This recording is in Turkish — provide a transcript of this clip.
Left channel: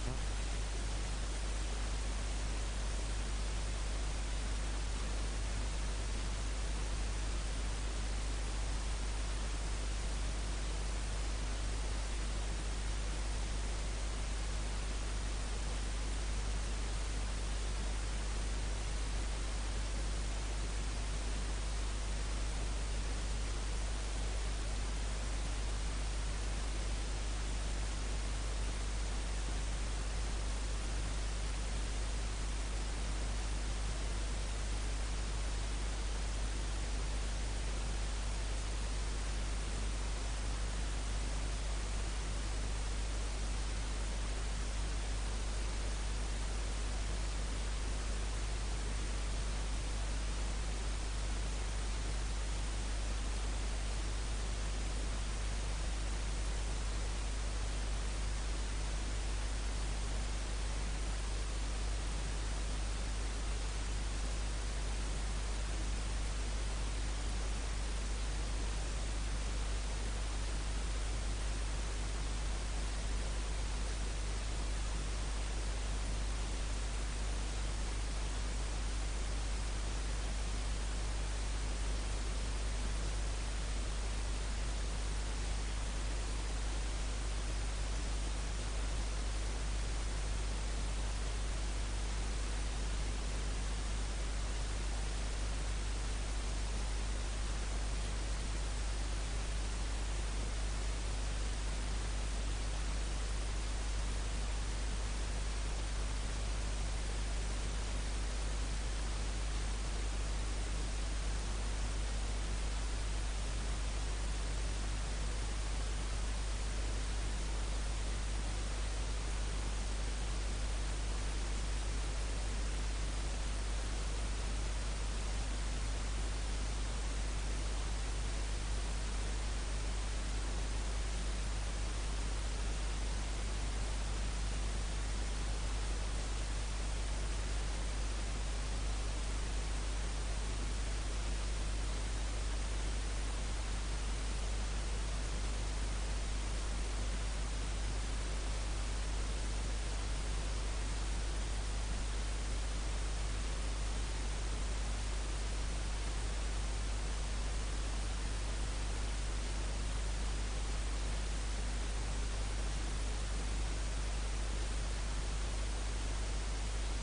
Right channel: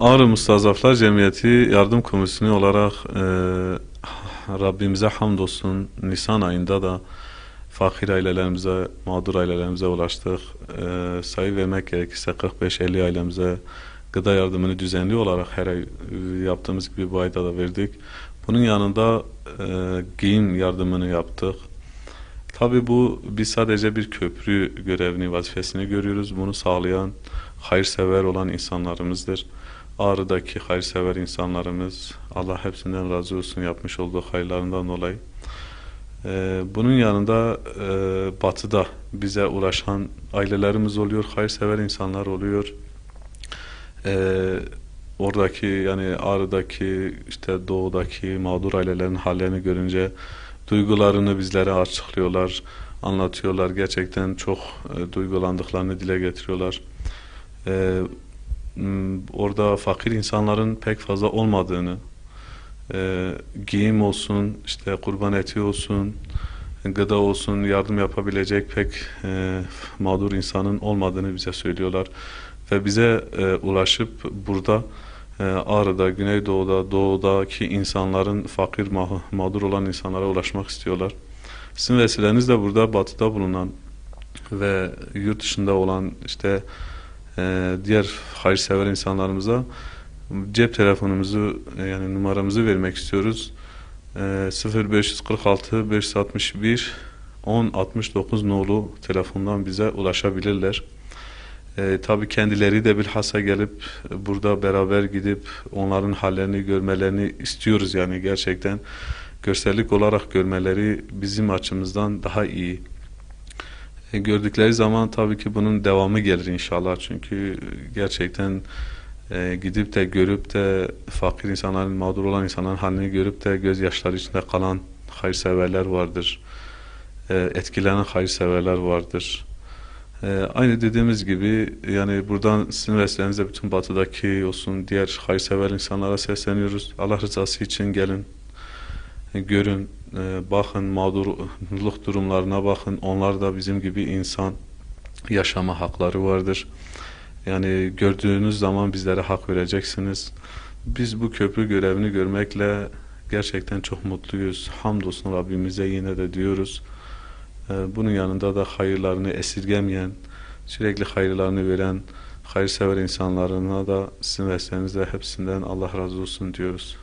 Ağrı Mustazaflar Cemiyeti Yardım Komisyonu olarak Rabbimize hamdolsun Nisan ayında da fakir ailelerimize, mağdur ailelerimize ulaştık. Sayı vermek gerekirse 45-50 ailemize gıda yardımını düzenli olarak her ay yaptığımız gibi bu ayda da verdik. Bunun yanında giyim yardımını yaptık. Tabii bu biz sadece bir köprü görevini, vazifesini görüyoruz. Bunu sağlayan hayırsever olan insanlarımızdır. Ağrı'daki hayırsever insanlarımız, Allah hepsinden razı olsun yapmış olduğu hayırlarından dolayı. Bunun yanında Batı'da bize ulaşan ailelerimiz oluyor, hayırsever insanlar oluyor. Ee, Oradaki yani Ağrı'daki işte doğudaki mağdur ailelerin hallerini görünce duygularını bizlere açıklıyorlar, anlatıyorlar. Gerçekten çok duygulandıklarını dile getiriyorlar. Ee, Orada fakir insanların pek fazla olmadığını, giyim olsun, işte kurban eti olsun, gıda olsun, yardım yapabilecek pek mağdur insanın olmadığını bize söylüyorlar. Ve bize ulaşıp burada Ağrı'da, Güneydoğu'da, Doğu'daki insanların fakir, mağdur olan insanlara ulaşmak istiyorlar. Sizin vesilenizle burada Batı'da bulunan ve yurt dışında olan işte diğer hayırsever insanlarımıza cep telefonumuzu yani numaramızı vermek istiyoruz. 0546 561 1069 nolu telefondan bize ulaşabilirler. Tabii kendileri de bilhassa gelip burada beraber gidip onların hallerini görmelerini istiyoruz yani gerçekten görsellik olarak görmeleri bizim açımızdan daha iyi. Gördükleri zaman tabii ki bunun devamı gelir inşallah çünkü gerçekten gidip de görüp de fakir insanların, mağdur olan insanların halini görüp de gözyaşları içinde kalan hayırseverler vardır. Etkilenen hayırseverler vardır. Aynı dediğimiz gibi yani buradan sizin vesilenizle bütün batıdaki olsun diğer hayırsever insanlara sesleniyoruz. Allah rızası için gelin, görün, bakın mağdurluk durumlarına bakın. Onlar da bizim gibi insan yaşama hakları vardır. Yani gördüğünüz zaman bizlere hak vereceksiniz. Biz bu köprü görevini görmekle gerçekten çok mutluyuz. Hamdolsun Rabbimize yine de diyoruz. Bunun yanında da hayırlarını esirgemeyen, sürekli hayırlarını veren, hayırsever insanlarına da sizin vesilenizle hepsinden Allah razı olsun diyoruz.